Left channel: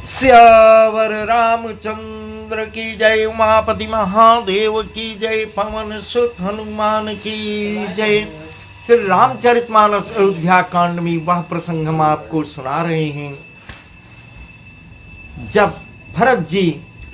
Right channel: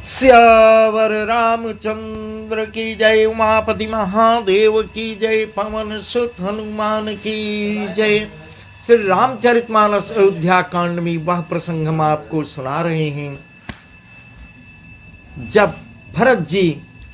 श्यावर रामचंद्र की जय, उमापति महादेव की जय, पवन सुत हनुमान की जय। श्री रामचरितमानस अयोध्या कांड में वह प्रसंग हम आपको सुना रहे हैं जब भरत जी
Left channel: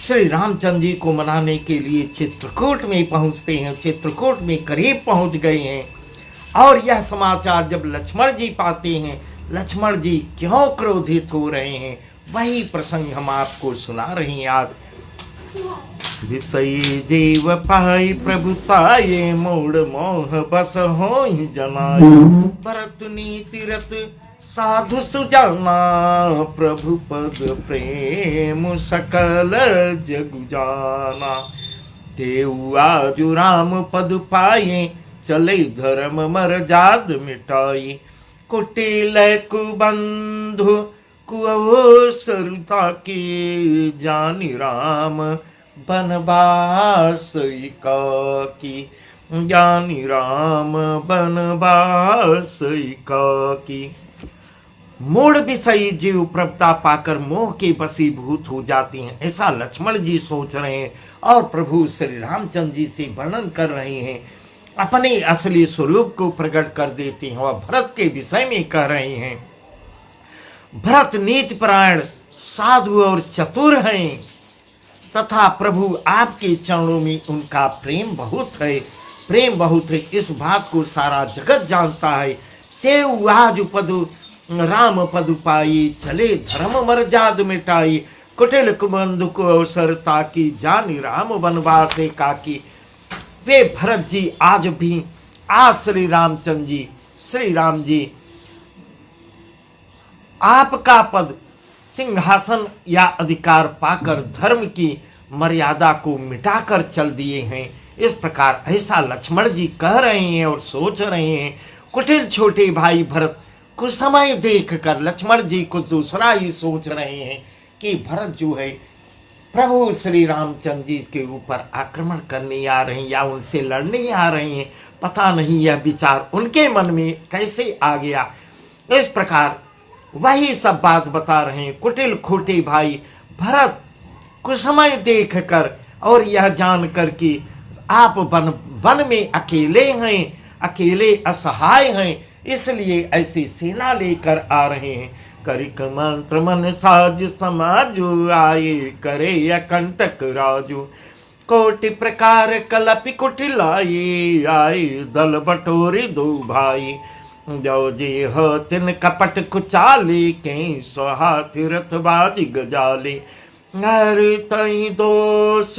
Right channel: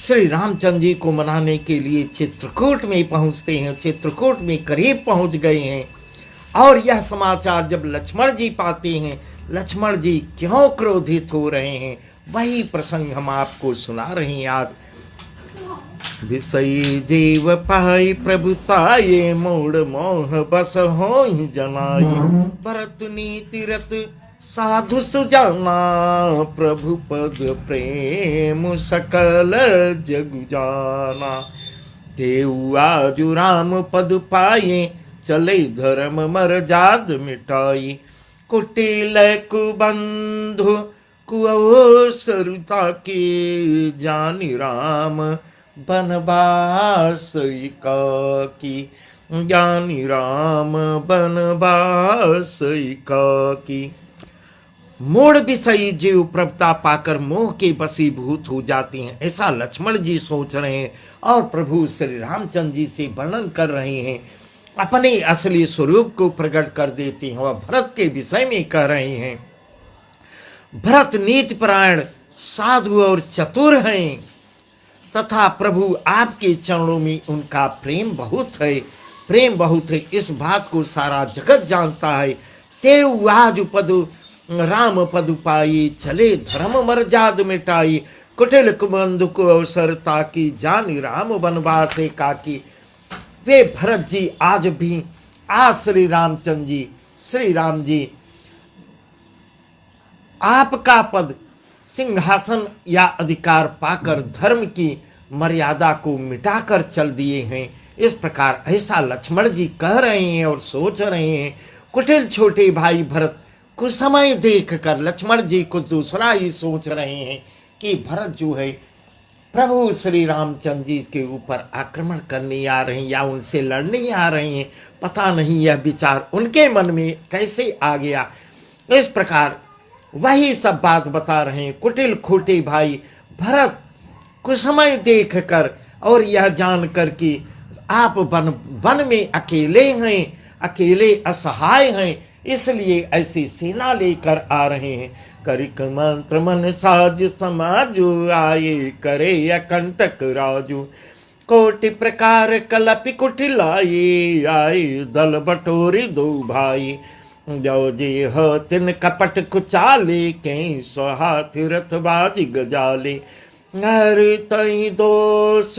श्री रामचंद्र जी को मनाने के लिए चित्रकूट में पहुंचते हैं। चित्रकूट में करीब पहुंच गए हैं और यह समाचार जब लक्ष्मण जी पाते हैं, लक्ष्मण जी क्यों क्रोधित हो रहे हैं, वही प्रसंग हम आपको सुना रहे हैं। आप विषयी जीव पाई प्रभुताये, मोड़ मोह बस हो जनाय। भरत नीति रत साधु सुजाना, प्रभु पद प्रेम सकल जग जाना। तेऊ आजु राम पद पाए, चले धर्म मर जाद मिटाई। कुटिल कुबंधु कुअवसरुता की, जानी राम बनवास की। ज्ञानी राम बनवास की। मूढ़ विषयी जीव प्रभुता पाकर मोह के वशीभूत हो जाते हैं, ऐसा लक्ष्मण जी सोच रहे हैं और प्रभु श्री रामचंद्र जी से वर्णन कर रहे हैं। अपने असली स्वरूप को प्रकट कर देते हैं और भरत के विषय में कह रहे हैं। भरत नीति परायण साधु और चतुर हैं तथा प्रभु आपके चरणों में उनका प्रेम बहुत है, प्रेम बहुत है। इस बात को सारा जगत जानता है। तेऊ आज पदु राम पदु पाई, चले धर्म मर जाद मिटाई। कुटिल कुबंधु को अवसर ताकि, जानी राम बनवास काकी। वे भरत जी आज भी श्री रामचंद्र जी, श्री राम जी आपका पद सिंहासन या अधिकार पाकर धर्म की मर्यादा को मिटाकर चल दिए हैं। इस प्रकार ऐसा लक्ष्मण जी कह रहे हैं और सोच रहे हैं। कुटिल छोटे भाई भरत कुछ समय देखकर लक्ष्मण जी को दूसरा ही सोच रहे हैं कि भरत जो है प्रभु श्री रामचंद्र जी के ऊपर आक्रमण करने आ रहे हैं या उनसे लड़ने आ रहे हैं। पता नहीं यह विचार उनके मन में कैसे आ गया। इस प्रकार वही सब बात बता रहे हैं। कुटिल खोटे भाई भरत कुछ समय देख कर और यह जानकर कि आप वन में अकेले हैं, अकेले असहाय हैं, इसलिए ऐसी सेना लेकर आ रहे हैं। करिक मंत्र मन साज समाजु, आए करे अकंटक राजू। कोटि प्रकार कलपि कुटिलाए, आए दल बटोरी दो भाई। जो जे हो तिन कपट कुचाले, के स्वहाथ रथ बाजी गजाले। हर तई दोष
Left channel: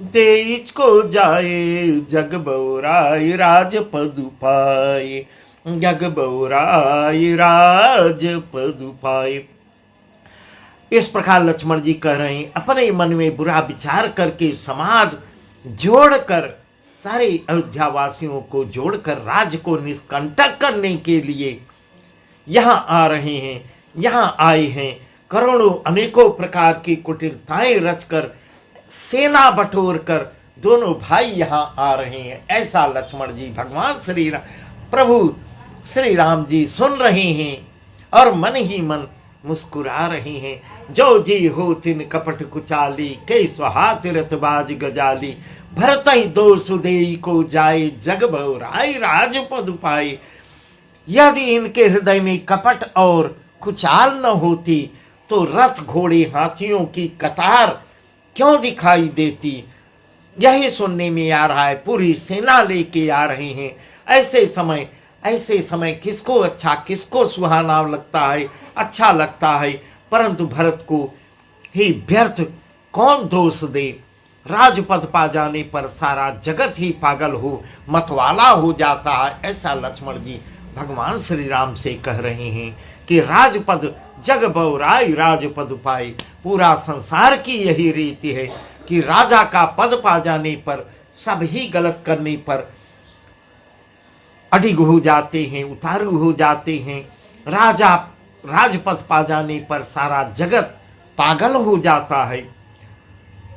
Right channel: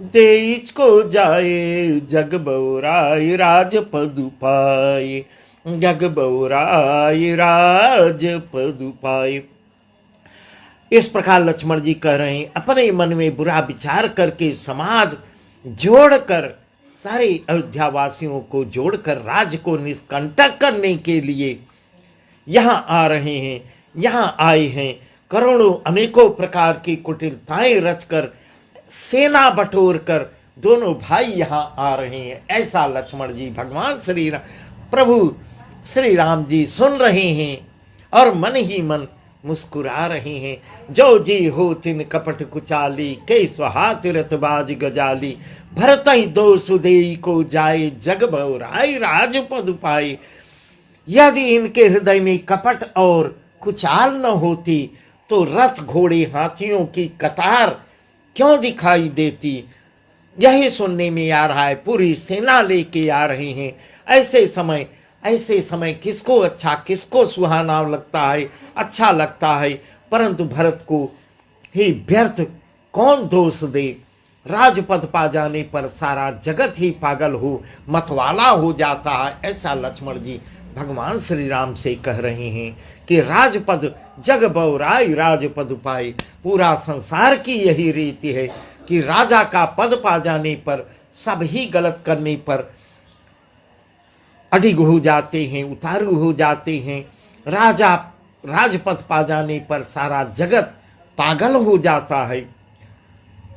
देश को जाए, जग बौराई राज पदु पाए। जग बौराई राज पदु पाए। इस प्रकार लक्ष्मण जी कह रहे हैं, अपने मन में बुरा विचार करके समाज जोड़कर, सारे अयोध्या वासियों को जोड़कर राज्य को निष्कंटक करने के लिए यहाँ आ रहे हैं, यहाँ आए हैं। करोड़ों अनेकों प्रकार की कुटिलताएं रचकर, सेना बटोर कर दोनों भाई यहाँ आ रहे हैं। ऐसा लक्ष्मण जी भगवान श्री राम, प्रभु श्री राम जी सुन रहे हैं और मन ही मन मुस्कुरा रहे हैं। जो जी हो तिन कपट कुचाली, कई स्वहाथ रथबाज गजाली। भरतई दो सुदेई को जाए, जग बौराई राज पदु पाए। यदि इनके हृदय में कपट और कुचाल न होती तो रथ घोड़े हाथियों की कतार क्यों दिखाई देती। यही सुनने में आ रहा है। पूरी सेना लेके आ रहे हैं। ऐसे समय किसको अच्छा, किसको सुहाना लगता है, अच्छा लगता है, परंतु भरत को ही व्यर्थ कौन दोष दे। राजपद पा जाने पर सारा जगत ही पागल हो, मतवाला हो जाता है। ऐसा लक्ष्मण जी भगवान श्री राम से कह रहे हैं कि राजपद जग बौराई राजपद पाए। पूरा संसार की यही रीति है कि राजा का पद पा जाने पर, सब ही गलत करने पर अडिग हो जाते हैं, उतारू हो जाते हैं। राजपद पा जाने पर सारा जगत पागल हो जाता है।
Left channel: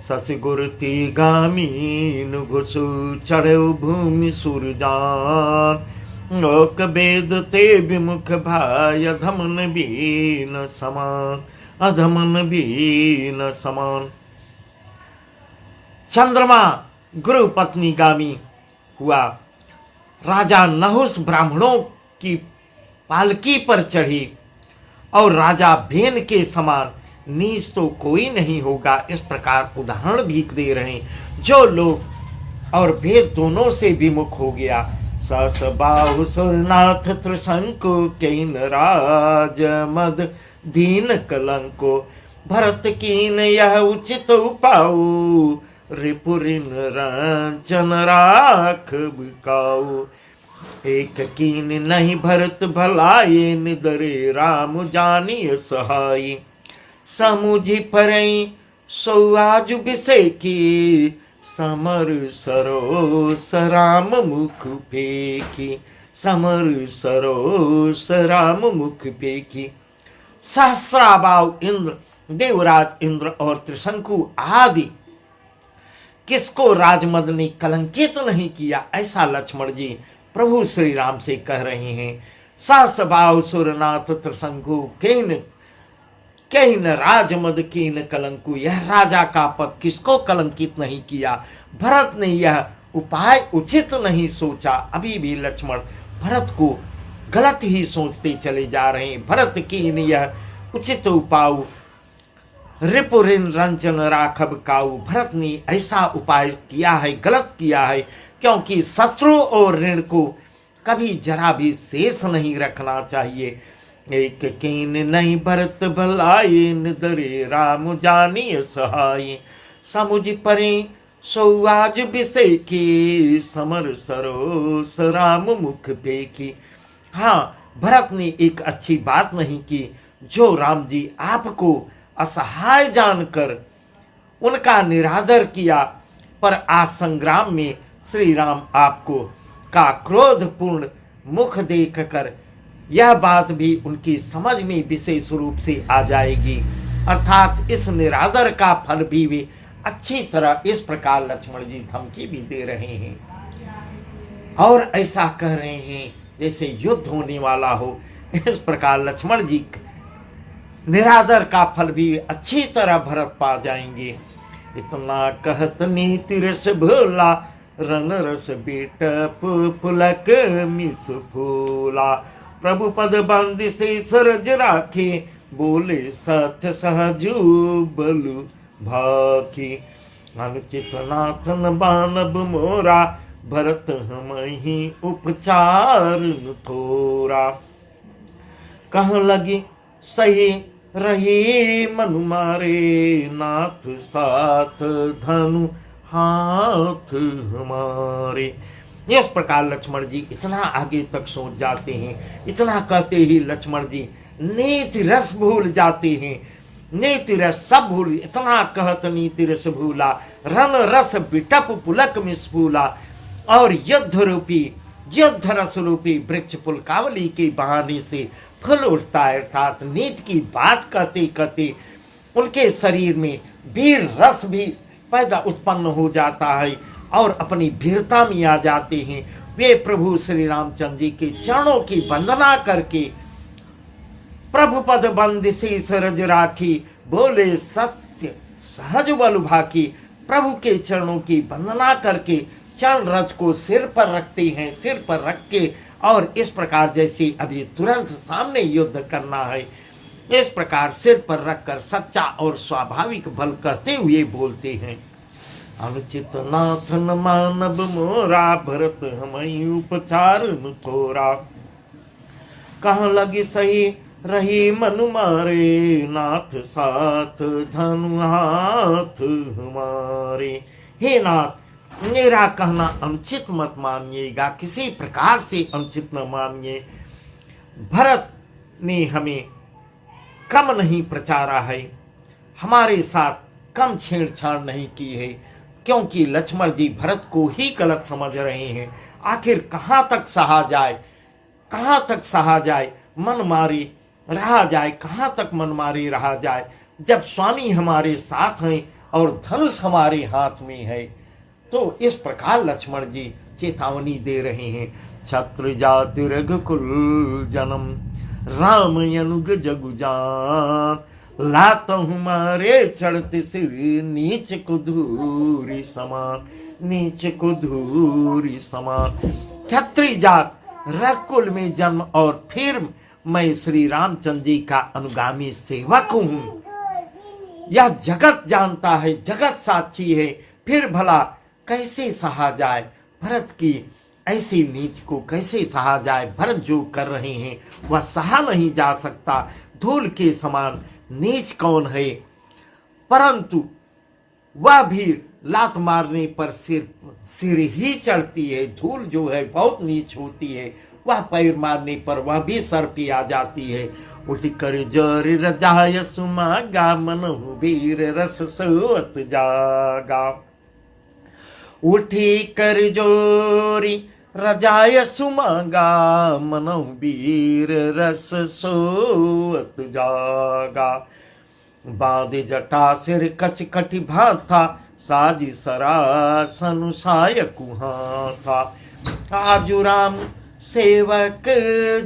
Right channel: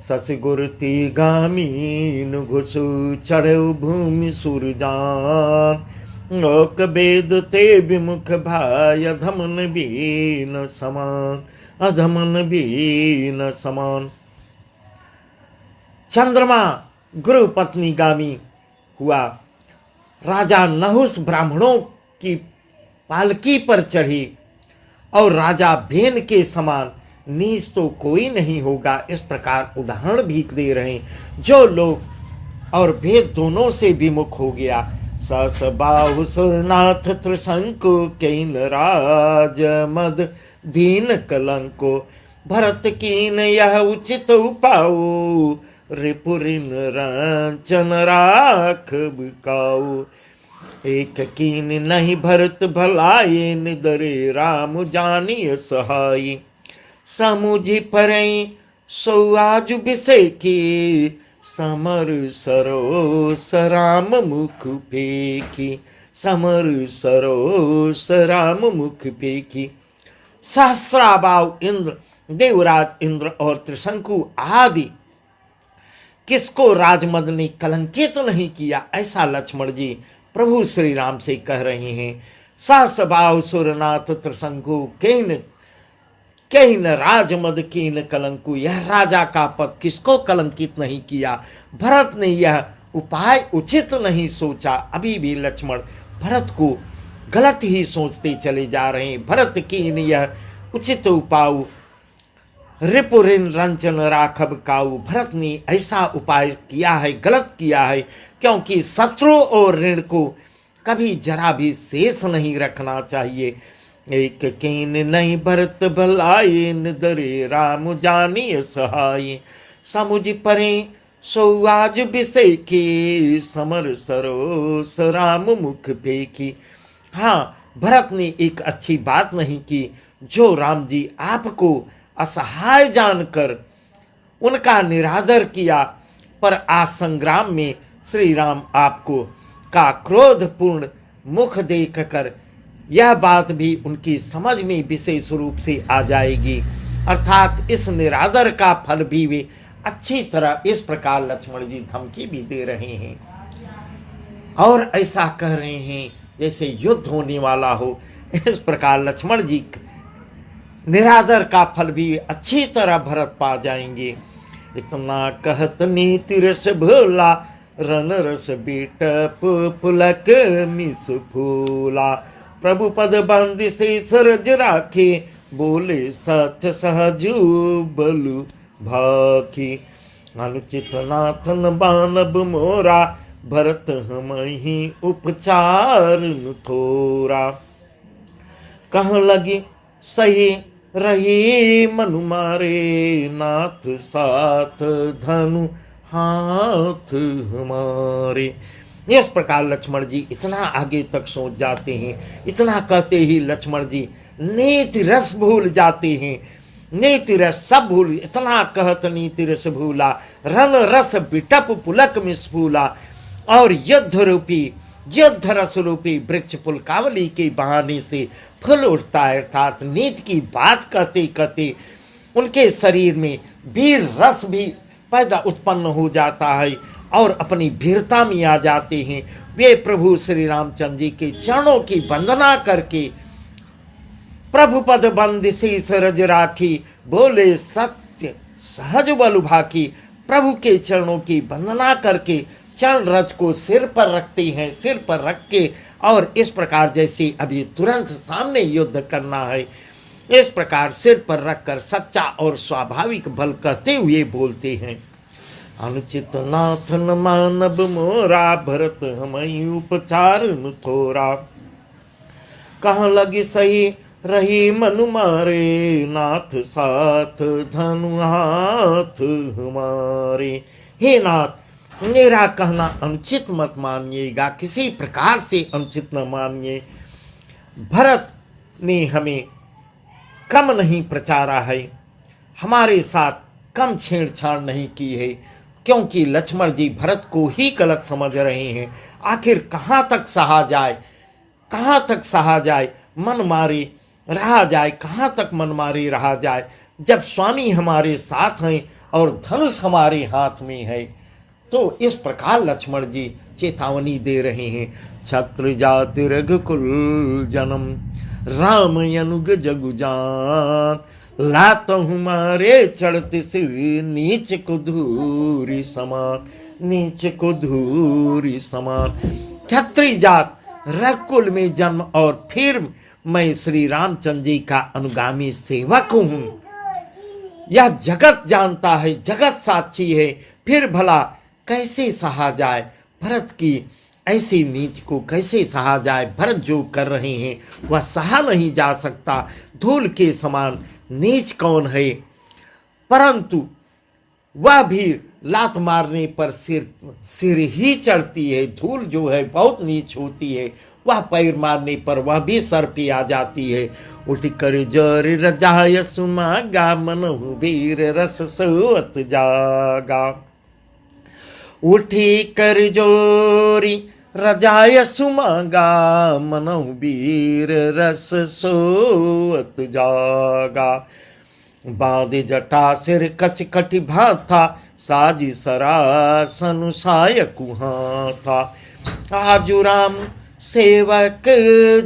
ससगुरती गामीन घुसु, चढ़ो भूमि सुरजान। लोक वेद ते विमुख भाय, धमन बीन समान। अधमन भी न समान। चंद्रमा गुरु पत्नीगामी हुआ। राजा नहुस ब्राह्मणों की पालकी पर चढ़ी और राजा भेन के समान नीच तो कोई नहीं होगा। इस प्रकार उदाहरण भी दे रहे हैं। जो लोग और भेद दोनों से विमुख हो गया। सस बाहु सुरनाथ त्रिशंकु केन राज मद दीन कलंको भरत कीन यह उचित उपाऊ रिपुरिन रंचन राख बिकाऊ। एक कीन नहीं भरत भलाए निदरे राम जानिय सहाय। समुझि परई सो आज बिसे की समर सरोस राम मुख फेंकी। समर सरोस राम मुख फेंकी। सहस्राबाव इंद्र, देवराज इंद्र और त्रिशंकु आदि किसको राजमद ने कलंकित नहीं किया, ऐसा लक्ष्मण जी प्रभु श्री राम से कह रहे हैं। सहस्राबाव सुरनाथ त्रिशंकु केन राजमद कीन कलंकु। यह राजा का पद किसको कलंकित नहीं किया। भरत ने यह उपाय उचित नहीं सोचा। अभी भी लक्ष्मण भरत को गलत ही सोचते चले जा रहे हैं। भरत कीन यह उचित उपाय रिपुरिन रंजन राखब काऊ। भरत ने ऐसा उपाय किया है, गलत किया है, क्योंकि शत्रु और ऋण को कभी जरा भी शेष नहीं रखना चाहिए। एक कीन नहीं भरत भलाए निदरे राम जानिय सहाय। समुझ परे सो आज बिसे की समर सरोस राम मुख फेंकी। हाँ, भरत ने एक अच्छी बात नहीं की। जो राम जी आपको असहाय जानकर उनका निरादर किया, पर आज संग्राम में श्री राम आपको का क्रोधपूर्ण मुख देखकर यह बात भी उनकी समझ में विशेष रूप से आ जाएगी। अर्थात इस निरादर का फल भी वे अच्छी तरह इस प्रकार लक्ष्मण जी धमकी भी दे रहे हैं और ऐसा कह रहे हैं जैसे युद्ध होने वाला हो। इस प्रकार लक्ष्मण जी निरादर का फल भी अच्छी तरह भरत पा जाएंगे। इतना कहत नीति रस भोला रन रस बीटप पुलक मिस फूला। प्रभु पद बंदी से सरज राखे बोले सत्य सहजु बलु भाखी। अनुचित नाथन बानब मोरा भरत हम ही उपचार थोरा। कह लगी सही रही मनु मारे नाथ साथ धनु हाथ हमारे। इस प्रकार लक्ष्मण जी इतना आगे तक सोच जाते हैं। इतना कहते ही लक्ष्मण जी नीति रस भूल जाते हैं। नीति रस सब भूल। इतना कहत नीति रस भूला रन रस बिटप पुलक मिसफूला। और युद्ध रस रूपी वृक्ष पुलकावली के बहाने से फल उठता है। अर्थात नीति की बात कहते कहते उनके शरीर में वीर रस भी पैदा उत्पन्न हो जाता है और अपनी वीरता में आ जाते हैं। वे प्रभु श्री रामचंद्र जी के चरणों की वंदना करके प्रभु पद बंद से सरज राखी बोले सत्य सहज बल भाकी। प्रभु के चरणों की वंदना करके चरण रज को सिर पर रखते हैं। सिर पर रख के और इस प्रकार जैसे अभी तुरंत सामने युद्ध करना है, इस प्रकार सिर पर रखकर सच्चा और स्वाभाविक बल कहते हुए बोलते हैं। अनुचित नाथन मानव मोरा भरत हमई उपचार थोरा। कहाँ लगी सही रही मनु मारे नाथ साथ धनु हाथ हमारे। हे नाथ, मेरा कहना अनुचित मत मानिएगा, किसी प्रकार से अनुचित न मानिए। भरत ने हमें कम नहीं प्रचारा है, हमारे साथ कम छेड़छाड़ नहीं की है, क्योंकि लक्ष्मण जी भरत को ही गलत समझ रहे हैं। आखिर कहाँ तक सहा जाए, कहाँ तक सहा जाए, मन मारी रहा जाए, कहाँ तक मन मारी रहा जाए, जब स्वामी हमारे साथ हैं और धनुष हमारे हाथ में है। तो इस प्रकार लक्ष्मण जी चेतावनी दे रहे हैं। छत्र जाति रघुकुल जन्म राम अनुग जगु जान लात हमारे चढ़ते सिर, नीच को धूरी समान, नीच को धूरी समान। क्षत्रिय जात रघुकुल में जन्म और फिर मैं श्री रामचंद्र जी का अनुगामी सेवक हूँ। यह जगत जानता है, जगत साक्षी है, फिर भला कैसे सहा जाए भरत की ऐसी नीति को, कैसे सहा जाए। भरत जो कर रहे हैं वह सहा नहीं जा सकता। धूल के समान नीच कौन है, परंतु वह भी लात मारने पर सिर ही चढ़ती है। धूल जो है बहुत नीच होती है, वह पैर मारने पर वह भी सर पे आ जाती है। उठ कर जोर रजाय सुमागा, मनहु वीर रस सोअत जागा। उठी कर जोरी रजाय सुमागा, मनहु वीर रस सोअत जागा। बांध जटा सिर कस कटि भाथा, साजी सरासन सायकु हाथा। आजु राम सेवक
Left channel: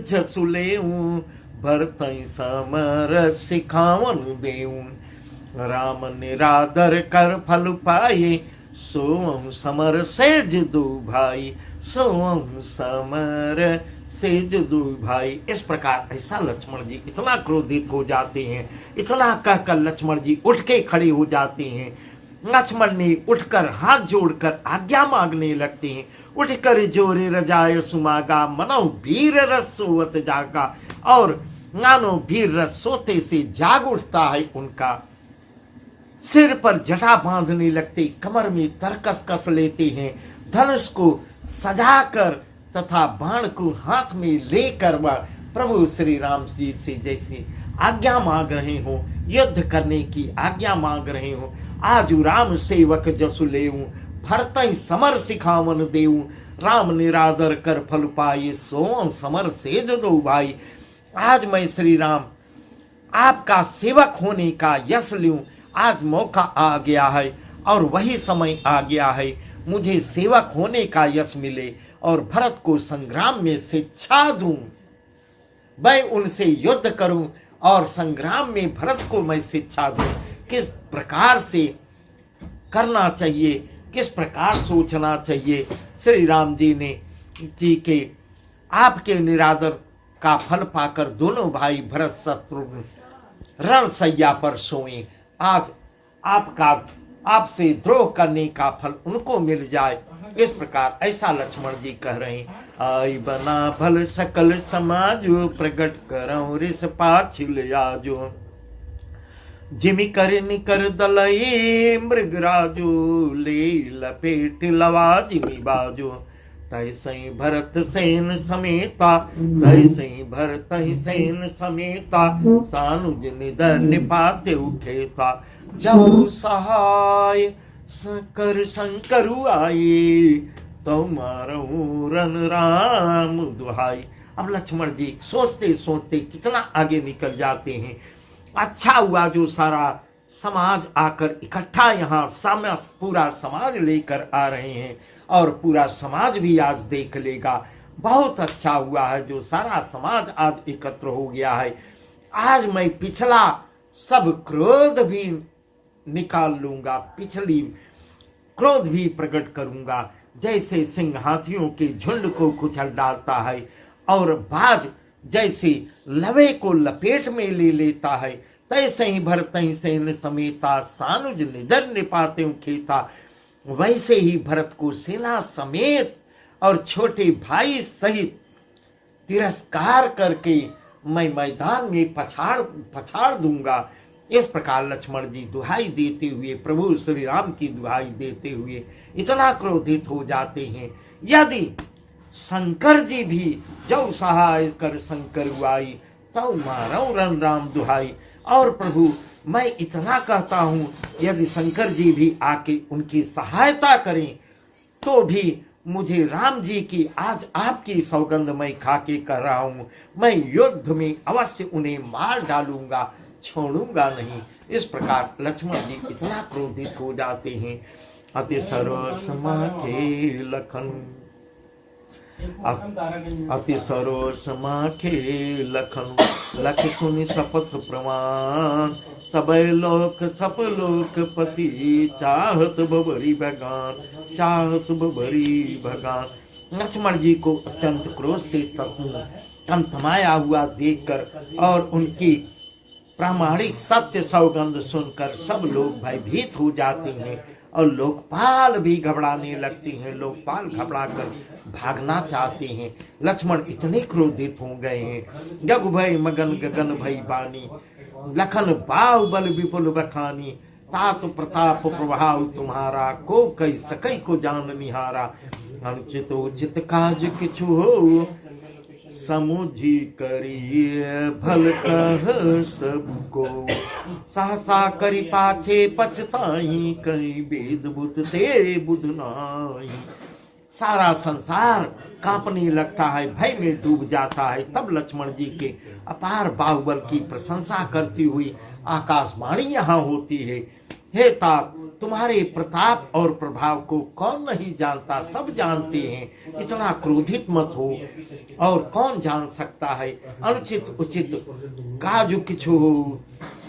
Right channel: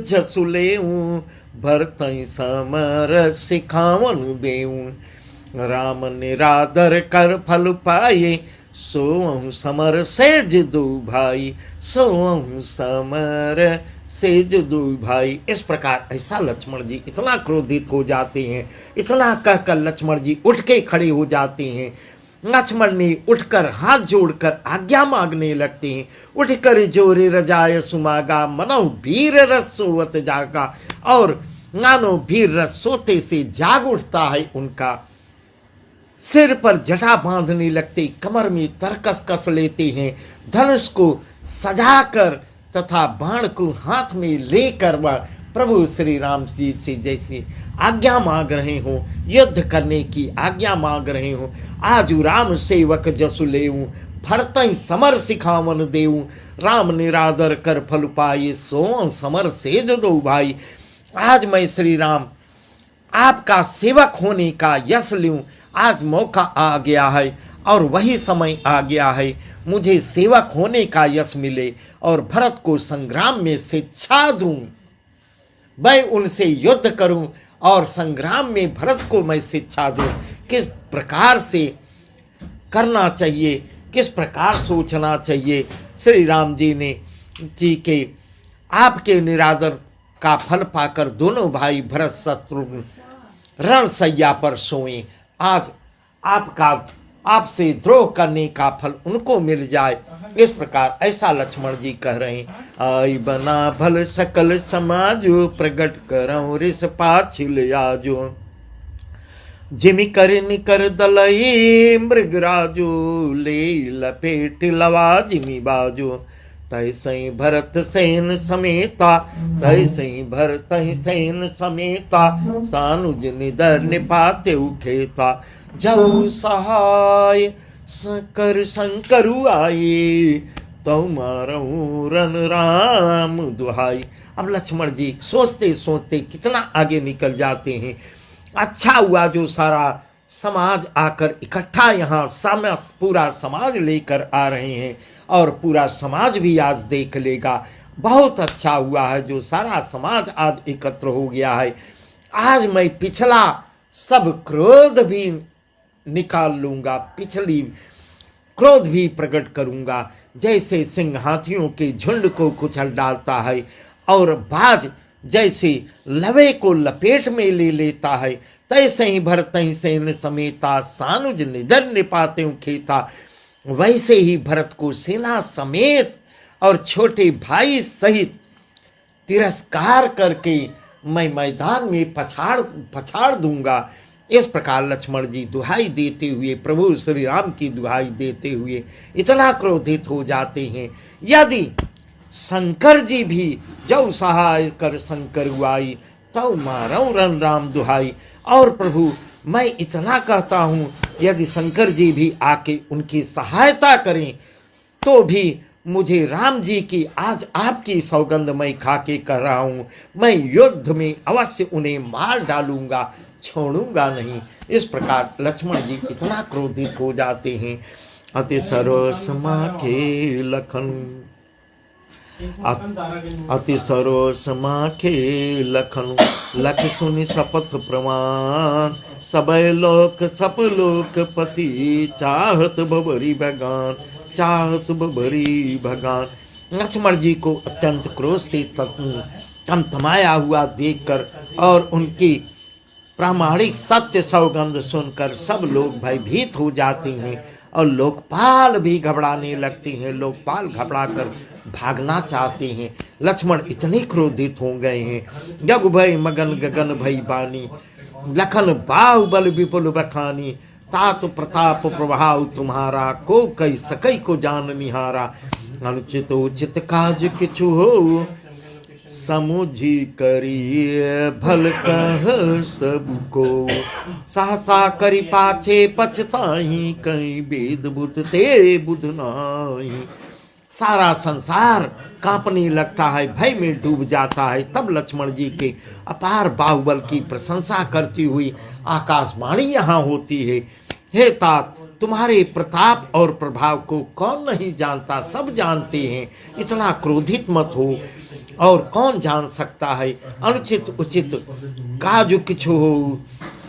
जसुलेऊं, भरतई समर सिखावनु देऊं। राम निरादर कर फल पाए, सोअहु समर सेज दो भाई, सोअहु समर सेज दो भाई। इस प्रकार ऐसा लक्ष्मण जी इतना क्रोधित हो जाते हैं, इतना कहकर लक्ष्मण जी उठ के खड़े हो जाते हैं। लक्ष्मण ने उठकर हाथ जोड़कर आज्ञा मांगने लगते हैं। उठकर जोरे रजाए सुमागा, मनो वीर रस सोवत जागा। और मानो वीर रस सोते से जाग उठता है उनका। सिर पर जटा बांधने लगते, कमर में तरकस कस लेते हैं। धनुष को सजाकर तथा बाण को हाथ में लेकर वह प्रभु श्री राम जी से जैसे आज्ञा मांग रहे हो, युद्ध करने की आज्ञा मांग रहे हो। आजू राम सेवक जसु लेऊं, भरतई समर सिखावन देऊं। राम निरादर कर फल पाए, सो समर सेज दो भाई। आज मैं श्री राम आपका सेवक होने का यश लूं। आज मौका आ गया है और वही समय आ गया है, मुझे सेवक होने का यश मिले और भरत को संग्राम में शिक्षा दूं। मैं उनसे युद्ध करूं और संग्राम में भरत को मैं शिक्षा दूं, किस प्रकार से करना चाहिए, किस प्रकार सोचना चाहिए। श्री राम जी के आपके निरादर का फल पाकर दोनों भाई भरत शत्रुघ्न रणसैया पर सोए। आज आपसे द्रोह करने का फल उनको मिल जाए। इस प्रकार ऐसा लक्ष्मण जी कह रहे हैं। आई बना भल सकल समाजो, प्रगट करऊं रिस पाछिल आजो। जिमि कर निकर दलई मृगराजो, ले लपेट लवा जिमि बाजो। तैसई भरत सेन समेता, तैसई भरत सेन समेता। सानुज निदर निपाते उखेता, जब सहाय कर शंकरु आई। तो मारऊ रन राम दुहाई। अब लक्ष्मण जी सोचते सोचते कितना आगे निकल जाते हैं। अच्छा हुआ जो सारा समाज आकर इकट्ठा यहाँ पूरा समाज लेकर आ रहे हैं और पूरा समाज भी आज देख लेगा। बहुत अच्छा हुआ है जो सारा समाज आज एकत्र हो गया है। आज मैं पिछला सब क्रोध भी निकाल लूंगा, पिछली क्रोध भी प्रकट करूंगा। जैसे सिंह हाथियों के झुंड को कुचल डालता है और बाज जैसे लवे को लपेट में ले लेता है, तैसे ही भरतई सेन समेता। सानुज निदर निपाते खेता। वैसे ही भरत को सेना समेत और छोटे भाई सहित तिरस्कार करके मैं मैदान में पछाड़ दूंगा। इस प्रकार लक्ष्मण जी दुहाई देते हुए, प्रभु श्री राम की दुहाई देते हुए इतना क्रोधित हो जाते हैं। यदि शंकर जी भी जब सहाय कर शंकर हुआई, तो मारऊ रन राम दुहाई। और प्रभु मैं इतना कहता हूँ, यदि शंकर जी भी आके उनकी सहायता करें तो भी मुझे राम जी की आज आपकी सौगंध मैं खाके कर रहा हूँ, मैं युद्ध में अवश्य उन्हें मार डालूंगा, छोड़ूंगा नहीं। इस प्रकार लक्ष्मण जी इतना क्रोधित हो जाते हैं। अति सरोस के लखन अति सरोस माखे लखन लख सुनि शपथ प्रमाण सबय लोक सप लोक पति चाहत बबरी भगान चाहत बबरी भगान। लक्ष्मण जी को अत्यंत क्रोध से तमतमाया हुआ देखकर और उनकी प्रामाणिक सत्य सौगंध सुनकर सब लोग भयभीत हो जाते हैं और लोकपाल भी घबराने लगते हैं। लोकपाल घबराकर भागना चाहते हैं। लक्ष्मण इतने क्रोधित हो गए हैं। जग भय मगन गगन भई बानी लखन बाहुबल विपुल बखानी तात प्रताप प्रभाव तुम्हारा को कई सकई को जान निहारा। अनुचित उचित काज किछु हो समुझी करिय भल कह सबको सहसा करी पाछे पछताई कहीं वेद बुध ते बुध नाही। सारा संसार कांपने लगता है, भय में डूब जाता है। तब लक्ष्मण जी के अपार बाहुबल की प्रशंसा करती हुई आकाशवाणी यहाँ होती है, हे तात तुम्हारे प्रताप और प्रभाव को कौन नहीं जानता, सब जानते हैं। इतना क्रोधित मत हो, और कौन जान सकता है। अनुचित उचित काजु किछु हो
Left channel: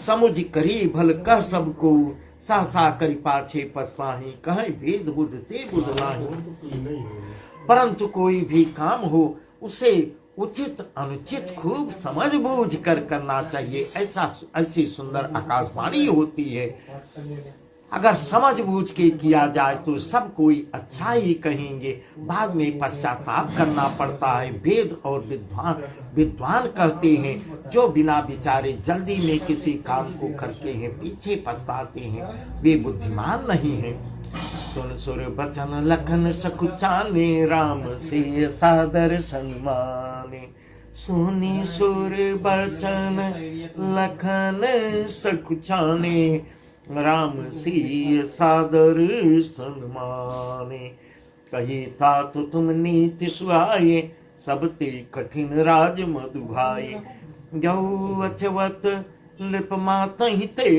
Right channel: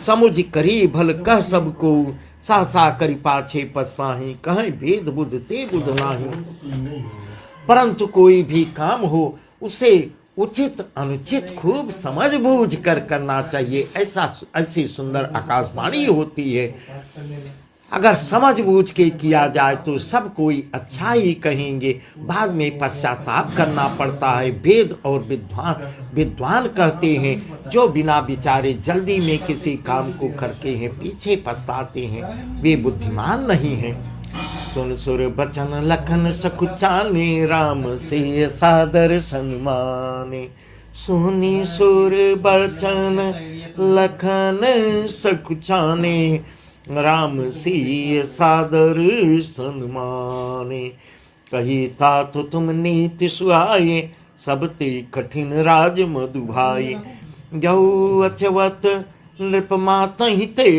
समुझ करी भल कह सबको सहसा करी पाछे पछताहि कहें वेद बुध ते बुध नाही। परंतु कोई भी काम हो उसे उचित अनुचित खूब समझ बूझ कर करना चाहिए। ऐसी सुंदर आकाशवाणी होती है। अगर समझ बूझ के किया जाए तो सब कोई अच्छा ही कहेंगे, बाद में पश्चाताप करना पड़ता है। वेद और विद्वान कहते हैं जो बिना विचारे जल्दी में किसी काम को करते हैं पीछे पछताते हैं, वे बुद्धिमान नहीं हैं। सुन सुर बचन लखन सकुचाने राम से सादर सन्माने। सुनी सुर बचन लखन सकुचाने राम सी सादर सन्माने। कही था तो तुम नीति सुहाए सब ते कठिन राज मधुभाई। जऊ अचवत लिप मातहि ते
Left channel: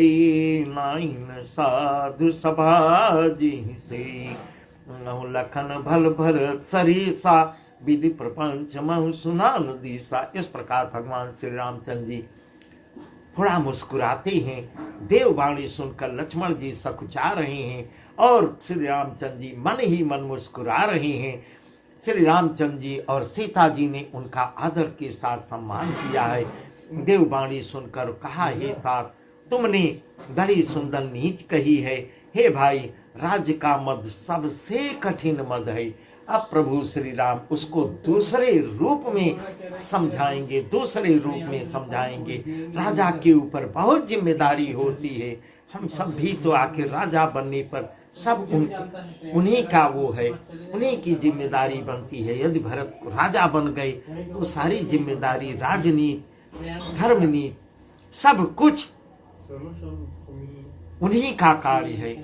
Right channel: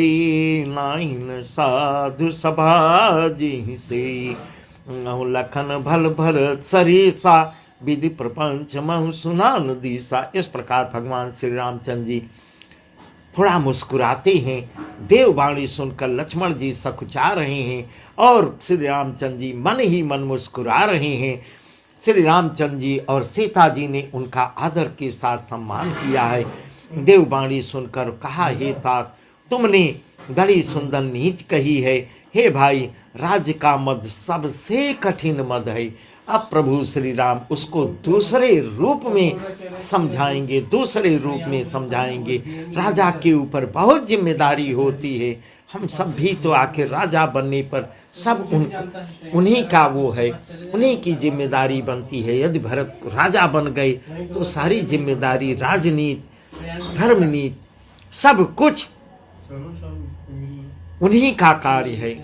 नाइन साधु सभा जी से। लखन भल भर सरीसा विधि प्रपंच महु सुनान दीसा। इस प्रकार भगवान श्री रामचंद्र जी थोड़ा मुस्कुराते हैं। देववाणी सुनकर लक्ष्मण जी सकुचा रहे हैं और श्री रामचंद्र जी मन ही मन मुस्कुरा रहे हैं। श्री रामचंद्र जी और सीता जी ने उनका आदर के साथ सम्मान किया है। देववाणी सुनकर कहा, हे तात तुमने बड़ी सुंदर नीति कही है। हे भाई, राज्य का मद सबसे कठिन मद है। अब प्रभु श्री राम उसको दूसरे रूप में समझाएंगे, दूसरे रूप में समझाएंगे। राजा के ऊपर बहुत जिम्मेदारी होती है। हम सब भी तो आखिर राजा बनने पर सब उन्हीं का वो है, उन्हीं की जिम्मेदारी बनती है। यदि भरत राजा बन गए तो सारी जिम्मेदारी, राजनीति, धर्मनीति, सब कुछ उन्हीं का कार्य है।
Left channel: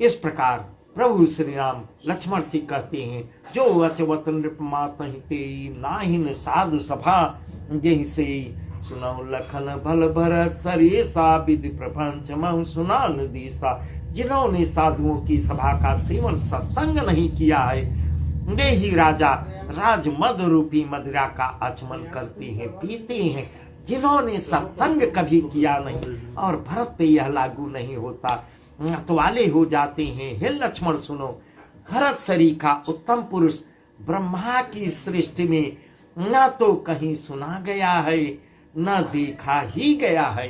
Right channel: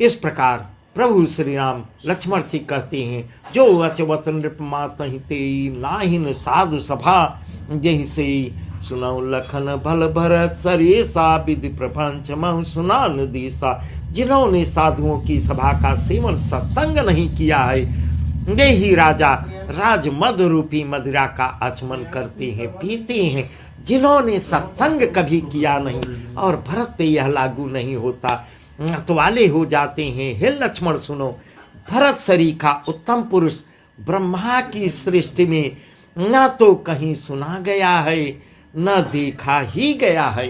इस प्रकार प्रभु श्री राम लक्ष्मण से कहते हैं, जो अचवत नृप मातहि ते नाहिन साधु सभा जहि से। सुनौ लखन भल भरत सरेसा विधि प्रपंच महु सुनान दीसा। जिन्होंने साधुओं की सभा का सेवन सत्संग नहीं किया है, वे ही राजा राजमद रूपी मदिरा का आचमन करते हैं, पीते हैं। जिन्होंने सत्संग कभी किया नहीं, और भरत पे यह लागू नहीं होता, मतवाले हो जाते हैं। हे लक्ष्मण सुनो, भरत सरीखा उत्तम पुरुष ब्रह्मा की सृष्टि में न तो कहीं सुना गया है न देखा ही गया है।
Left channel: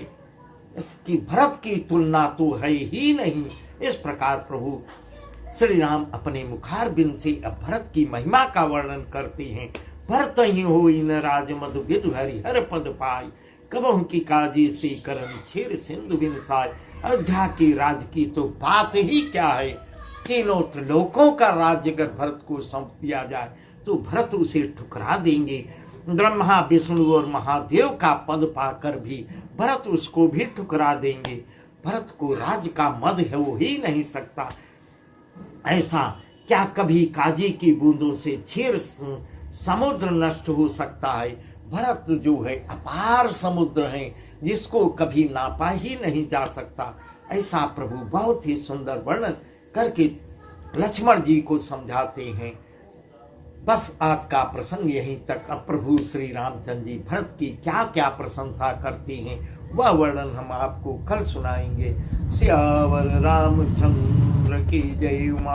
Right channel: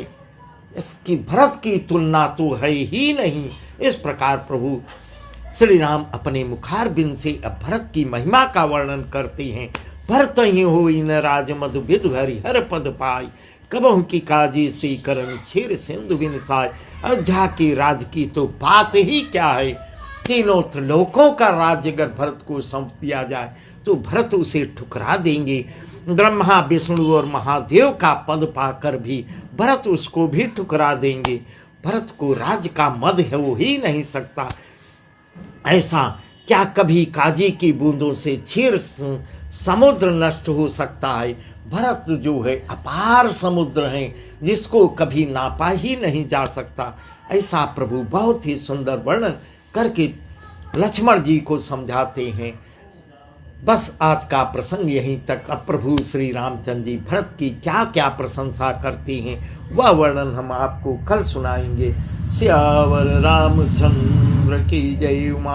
इसकी भरत की तुलना तो है ही नहीं। इस प्रकार प्रभु श्री राम अपने मुखारबिंद से अब भरत की महिमा का वर्णन करते हैं। भरत ही हो इन राज मधु विधु हरि हर पद पाई। कबहु की काजी से करन छेर सिंधु बिनसाय। अयोध्या की राज की तो बात ही क्या है। तीनों त्रिलोकों का राज्य अगर भरत को सौंप दिया जाए तो भरत उसे ठुकरा देंगे। ब्रह्मा विष्णु और महादेव का पद पाकर भी भरत उसको भी ठुकरा देंगे। भरत को राज्य का मद है वो ही नहीं सकता। ऐसा क्या कभी काजी की बूंदों से क्षीर समुद्र नष्ट हो सकता है। भरत जो है अपार समुद्र है जिसको कभी नापा ही नहीं जा सकता। ऐसा प्रभु बहुत ही सुंदर वर्णन करके लक्ष्मण जी को समझाते हैं। बस आज का प्रसंग यहीं तक। अब प्रभु श्री रामचंद्र जी भरत की क्या क्या प्रशंसा करती हैं वह वर्णन हम आपको कल सुनाएंगे। सियावर रामचंद्र की जय। उमा